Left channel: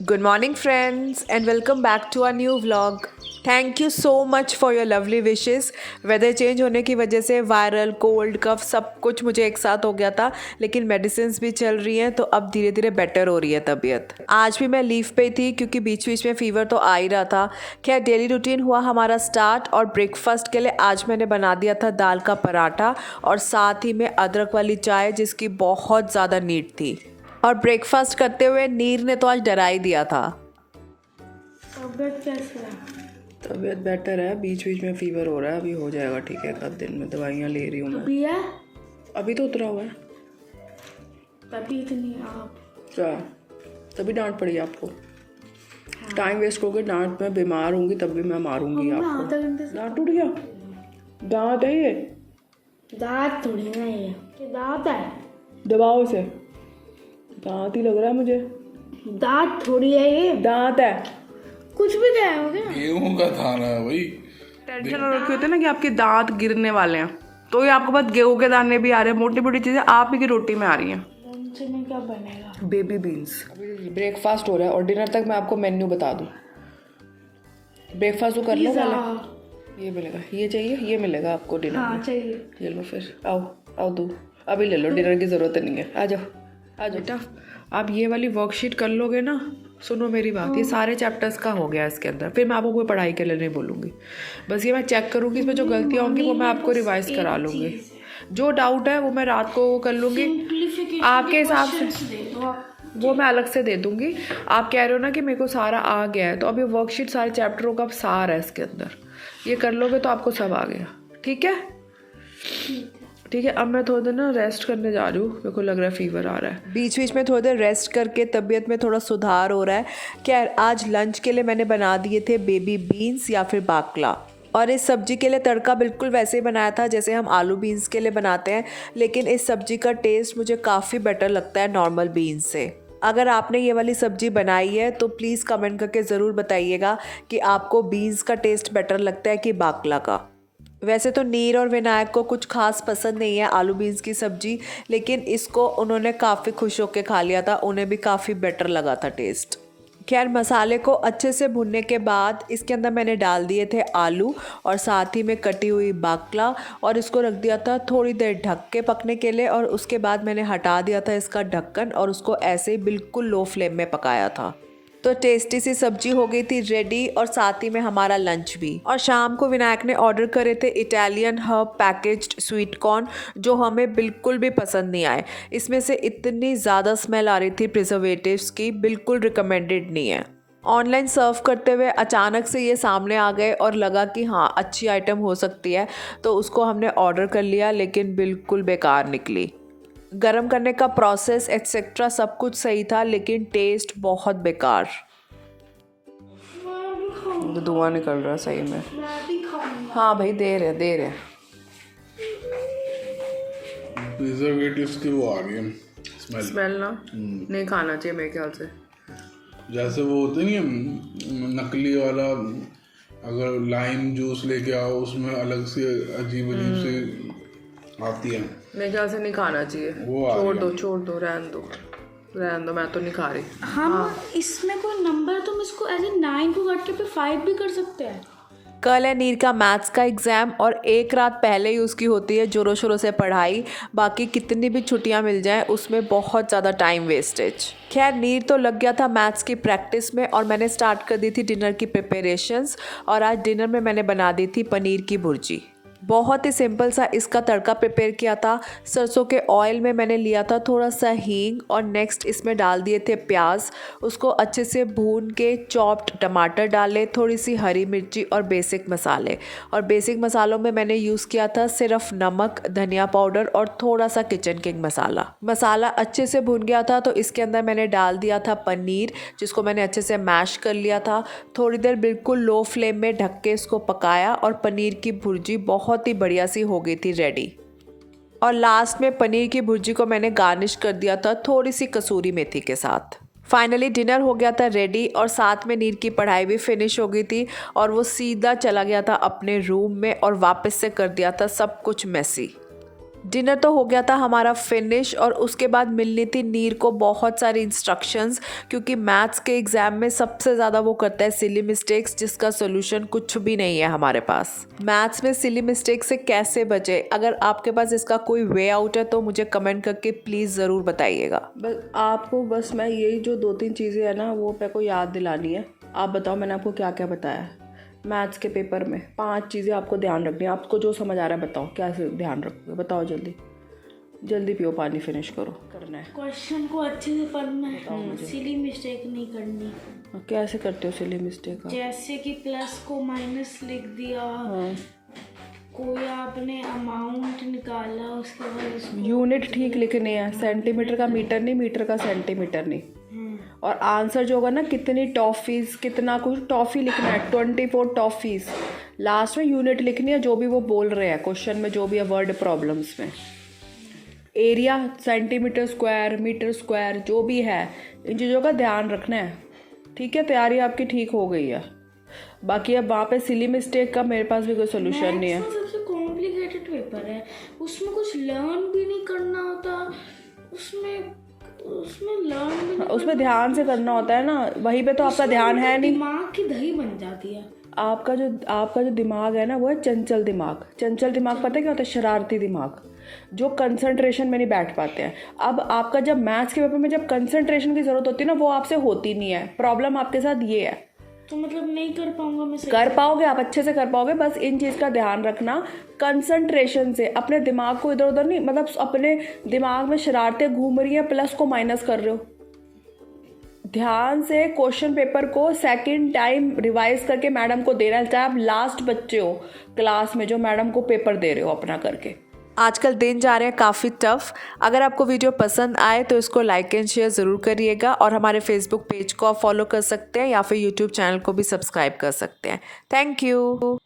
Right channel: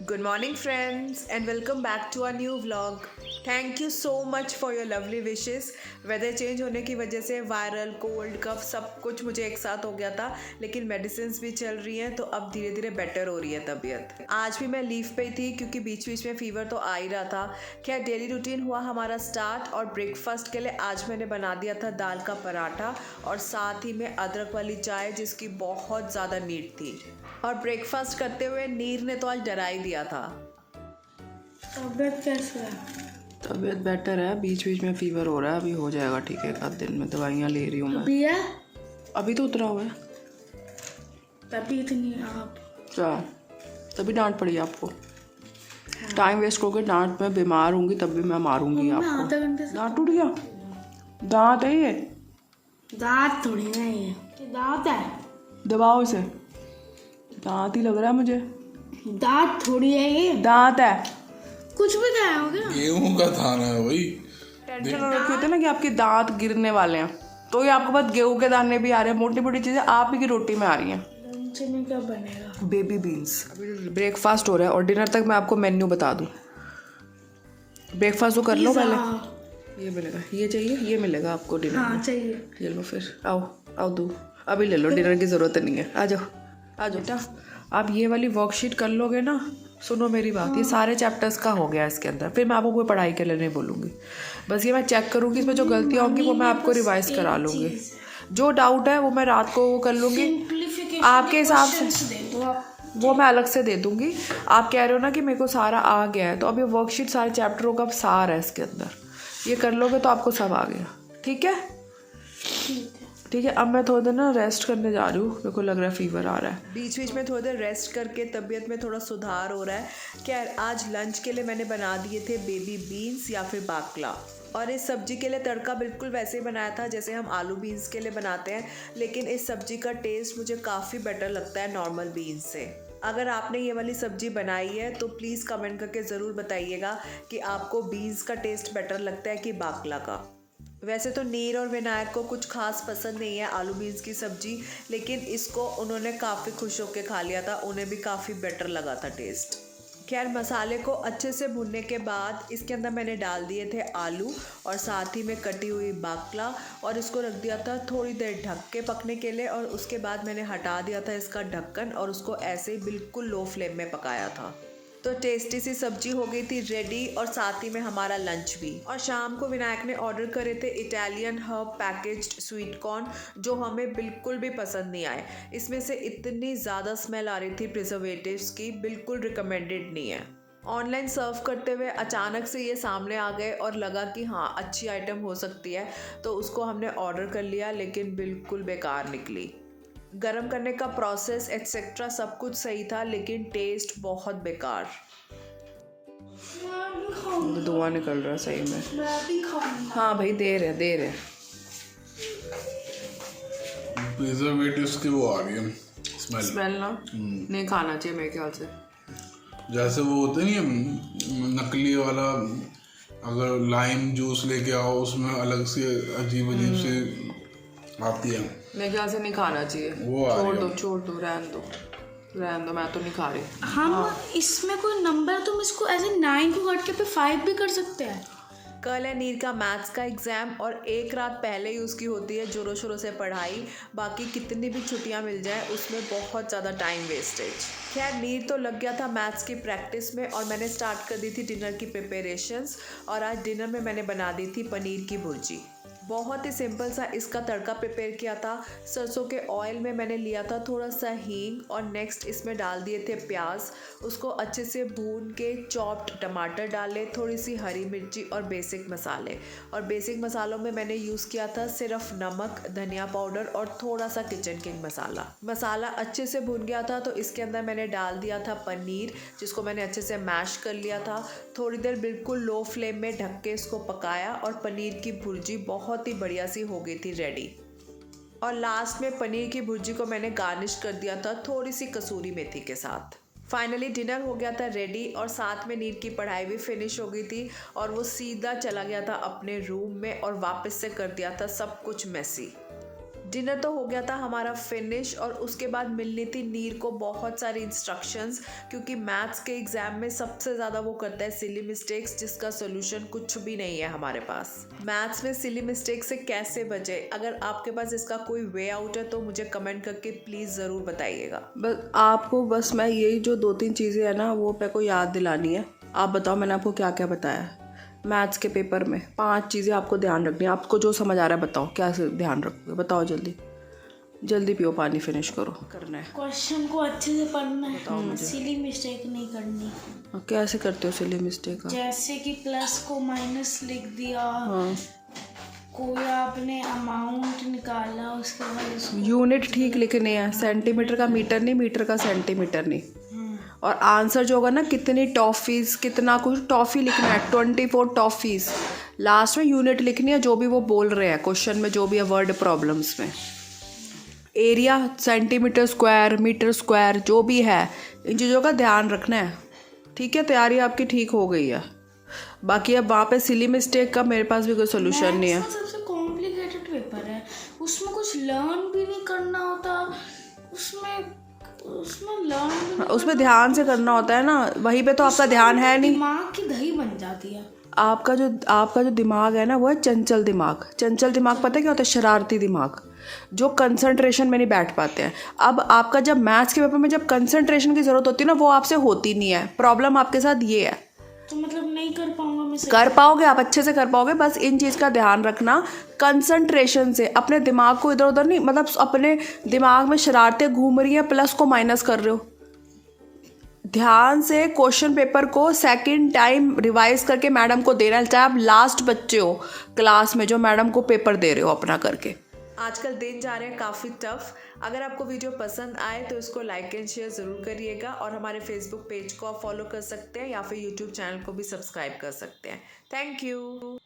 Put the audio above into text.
Good morning, friends, and welcome back to our new vlog. Thank you so much for your lovely wishes. Weather change होने की वजह से viral cold कफ सब कुछ मुझे एक साथ हो गया था, लेकिन मेडिसिन भी चल रही हैं तो अब धीरे धीरे बेटर हो रही है तबीयत। आज भी मैं लीव पे थी क्योंकि बीच बीच में फीवर तो आ ही रहा था। खैर डेली रूटीन हुआ हमारा स्टार्ट और ब्रेकफास्ट के लिए आज मैंने बना दिया था दाल का पराठा और साथ ही में अदरक वाली चाय जिसकी बहुत ज़्यादा नीड थी। और ब्रेकफास्ट करते हुए नीर ने तो आज डरा ही दिया था। तबीयत कैसे है? तबीयत बेटर है, बीच बीच में फीवर हो रहा है, अभी हो जाएगा ठीक है। एक आध दिन में दवाइयाँ ले रही हूँ मैं। अभी है? अभी तो उतरा हुआ है। तभी इतनी आप क्या तभी डांट पड़ी आपको? टाइम वेस्ट करोगे, डांट में बीमार होंगी तब भी मैं मारूंगी मैं आपको। आधा घंटे से दांत टूट गया? दांत है ये? दांत थोड़ी ना ये दांत है। दबाओ इसे। दांत ही लग रहा है मुझे। दांत थोड़ी है ये, दांत है। कुछ भी क्या हो गया? गेहूं का दाना है भाई। टेंशन हो रखी होती है ना कि आपके दांत गिरने वाले हैं, तो ये आपके पास गेहूं के दाने भी आ रहे हैं, मोटी मोटी चीजें आप ही की रोटी में आ रही हैं। लंच में क्या बनेगा? Baby beans. अभी ब्रेकफास्ट हो रहा है और डिनर तक मैं आपको मेन्यू बता दूं। ब्रेकफास्ट तो कर लो पहले। ये मिलेगा, ये चाहिए, ये मिलेगा आपको डिनर हाँ में। चाहिए। ले लो फिर, आओ आओ दो, अभी ले लो, डिनर की ज़रूरत नहीं है। आ जाओ आ जाओ बेटा। आप ये वाली वर्कशीट कर लोगे ना, सुनो मेरी बात, ये सारे चैप्टर्स का हो गया इसके अंदर। फिर मैं आपको कोई पढ़ाई के लिए नहीं बोलूँगी, बस ये मैं चेक करूँगी, इसमें जो गलतियाँ होंगी वो मैं आपको रिवाइज करा लूँगी। जो डाउट है वो मैं रात को कर लूँगी आपके हिसाब से, वो मैं अलग से दे दूँगी। आप कह रहे हो ना कि मेरे को सारा आ गया है, तो अब ये वर्कशीट सारे चैप्टरों का सार है इसके अंदर, ये कर लोगे तो आपको सब आ गया। ठीक है ठीक है। अब मैं थोड़ी देर ना रेस्ट करने जा रही हूँ, मेरे को लग रहा है फीवर आ रहा है। बीच बीच में थोड़ी देर रेस्ट करके तबीयत में थोड़ा सुधार हो रहा है। क्या आज लंच के लिए मैंने बना दिए थे बेबी बीन्स या फिर बाकला, और इस सब्जी के लिए तड़का बिल्कुल वैसे ही बनाया था जैसे हम आलू बीन्स के लिए बनाते हैं, लेकिन इस सब्जी का टेस्ट मुझे काफ़ी बेटर लगता है नॉर्मल बीन्स से। अगर आपने ये वाली सब्जी बनाई है तो प्लीज़ कमेंट करके ज़रूर बताइएगा कि आपको बीन्स का टेस्ट बेटर लगता है कि बाकला का। वैसे तो नीर और विनायक को कुछ खास पसंद नहीं है आलू बीन्स की सब्ज़ी, लेकिन इसको उन्होंने काफ़ी खुश होकर खा लिया था, उन्हें भी काफ़ी बेटर लगा था टेस्ट। खैर मसाले को अच्छे से भुनने के बाद इसके अंदर मैंने डाल दिए थे आलू और साथ ही में कटी हुई बाकला, और इसको रख दिया था थोड़ी देर ढक के पकने के लिए, और उसके बाद मैंने हटा दिया था इसका ढक्कन और उसको ऐसे ही बिल्कुल लो फ्लेम में पकाया था। तो टेस्टी सी सब्जी हो गई थी रेडी, और साथ ही में हमारा लंच भी। और शाम को विनायक ने ऑर्डर करे थे Italian herb packaged sweet corn, जो हमें बिल्कुल भी पसंद नहीं आए। इसमें से इतनी ज़्यादा स्मेल आ रही थी प्रिजर्वेटिव्स की, बिल्कुल रिकमेंडेड नहीं है। ऑनलाइन सर्व करते हुए अचानक से ये सामने आ गए और लगा कि हाँ अच्छी आइटम हो सकती है, तो उसको हमने ऑर्डर कर लिया, लेकिन बिल्कुल बेकार निकली। गरम करने का प्रोसेस एक्सेट्रा सब कुछ सही था, लेकिन टेस्ट बहुत बेकार। तो धुआं निकल रहा है सही में। हाँ भाई दे रहे प्रिजर्वेटिव्स की वो आ रही है स्मेल ना, नहीं खाना चाहिए मेरे ख्याल से। जैसे वो होते नहीं है नकली वाला, अगर लाइम जूस लेके आओ उसमें अलग से अजीब अजीब से आती है, मेरे ख्याल से नहीं खाना चाहिए। वो आ रही है। छोड़ दो रहने दो, मैं तो नहीं खा रही। हम इसमें कोई नंबर है, तुम इसको ऐसे 9 को काट के पे 5 भी कर सकते हैं। कल है नीर का मैथ्स का एग्ज़ाम, और एक रात पहले ही उसकी होती है जोरों शोरों से पढ़ाई। बाकी कितनी भी छुट्टियां मिल जाएं उसमें बहुत ज़्यादा टाइम वेस्टेज। खैर नीर तो लग गया था मैथ्स की प्रैक्टिस में, और मैंने स्टार्ट कर दी थी डिनर की प्रिपरेशंस। और आज डिनर में मैंने बना दी थी पनीर की भुर्जी। बहुत ही सिंपल सा इसका तड़का प्रिपेयर किया था। सरसों के ऑयल में मैंने लिया था थोड़ा सा हींग, और नेक्स्ट इसमें डाल दिए थे प्याज। उसको अच्छे से भून के चॉप्ड टमाटर डाले, थोड़ी सी हरी मिर्ची और बेसिक मसाले। और बेसिक मसालों में मैंने यूज़ किया था सिर्फ नमक, धनिया पाउडर और थोड़ा सा किचन किंग मसाला। मसाला अच्छे से भून गया था तो इसके अंदर मैंने डाल दिया था पनीर, जिसको मैंने अच्छे से मैश कर लिया था। थोड़ी देर बिल्कुल लो फ्लेम में ढक के इसको पकाया, और पनीर की भुर्जी बहुत ही बढ़िया सी हो गई थी रेडी। और लास्ट में पनीर की भुर्जी को मैंने गार्निश कर दिया था थोड़ी सी कसूरी मेथी के साथ। फाइनली डिनर हो गया था रेडी, और साथ में नीर की पढ़ाई भी फिनिश हो गई थी, और वो सीधा चला गया था अपने रूम में और वापस से कर दिया था सब कुछ मेसी। डिनर तो हो गया था हमारा फिनिश और उसके बाद मिलनी थी नीर को बहुत सारी इंस्ट्रक्शंस, क्योंकि मैथ्स के एग्ज़ाम में सबसे ज़्यादा वो करता है सिली मिस्टेक्स, जिसका सोल्यूशन कुछ भी नहीं है हमारे पास। मैथ्स में सिली मिस्टेक से कैसे बचे? अगर आपके पास इसका कोई वे आउट है तो मुझे कमेंट करके प्लीज़ ज़रूर बताइएगा। बस मैं यही जो 2-3 चीज़ें हैं ना वो मेरे को याद दिलानी है। आप बताओ मैंने आपको क्या क्या बताया है मैथ्स के पेपर में। 5 चीज़ें आपको ध्यान रखनी है। आपको जो समझ आ रहा है बताओ, क्या से ध्यान रखोगे बताओ। जल्दी पियो पानी, फिनिश करो। करना है क्वेश्चन को अच्छे से पढ़ना है, सिली मिस्टेक नहीं करनी। कैसे करते हो सिली मिस्टेक? जैसे कि प्लस को माइनस लिख दिया, कोई आपने अमाउंट निकाला उसके बाद उसको यूनिट ठीक लिखनी है, सेंटीमीटर का मीटर नहीं, मीटर का सेंटीमीटर नहीं। और आंसर जो होगा ना, कितनी टॉफ़ीज़, कितना कुछ टॉफ़ी लिखना है, 24 टॉफ़ीज़। लास्ट में यूनिट लिखनी है, जो भी वो बोल रहे हैं क्वेश्चन में, जो भी है वर्ड प्रॉब्लम्स में। Area centimetre square, metre square, जो भी है इन चीज़ों का ध्यान रखना है। ठीक है, तैयारी आपकी ठीक हो गई है। बाकी अब वहाँ पे सिली मिस्टेक का मेरे पास भी कोई सोल्यूशन नहीं है। सबसे कॉम्प्लिकेटेड पेपर है, उसमें कुछ लर्न भी नहीं करना होता, उसमें लर्न भी नहीं, उसमें ध्यान से करना होता है ना, वहीं पे तो आपका ध्यान है नहीं। दिमाग की दही बन जाती है। आपका जो दिमाग है ना वो है चंचल दिमाग। चंचल दिमाग पता है क्या होता है? शरारती दिमाग, जो कंसंट्रेशन में नहीं बैठ पाते हैं। अब आपका जब मैथ्स के पेपर में जब कंसंट्रेशन की ज़रूरत होती है ना, वो आपसे होती नहीं है। प्रॉब्लम आपके साथ ये है। तो मतलब नहीं कर पाऊंगा मैं? कर पाओगे, आप अच्छे से कर पाओगे। बस इन चीज़ का ध्यान रखना, कंसंट्रेशन से। अपने दिमाग को इधर उधर नहीं, मतलब अपने दिमाग में शरारतें घूम रही हैं, प्लस को माइनस कर रहे हो। ध्यान से क्वेश्चन पेपर को सेकंड टाइम रिवाइज करके मैडम को देना, चाहे आप लास्ट बच्चे हो क्लास में जो मैडम को पेपर दे रहे हो अपना करके। आजकल दिन जा रहे हैं काफ़ी टफ। अगर आपको वीडियो पसंद आए तो इसको लाइक एंड शेयर ज़रूर करिएगा, और हमारे फेसबुक पेज को आप फॉलो कर सकते हैं या फिर यूट्यूब चैनल को भी सब्सक्राइब कर सकते हैं। Thank you.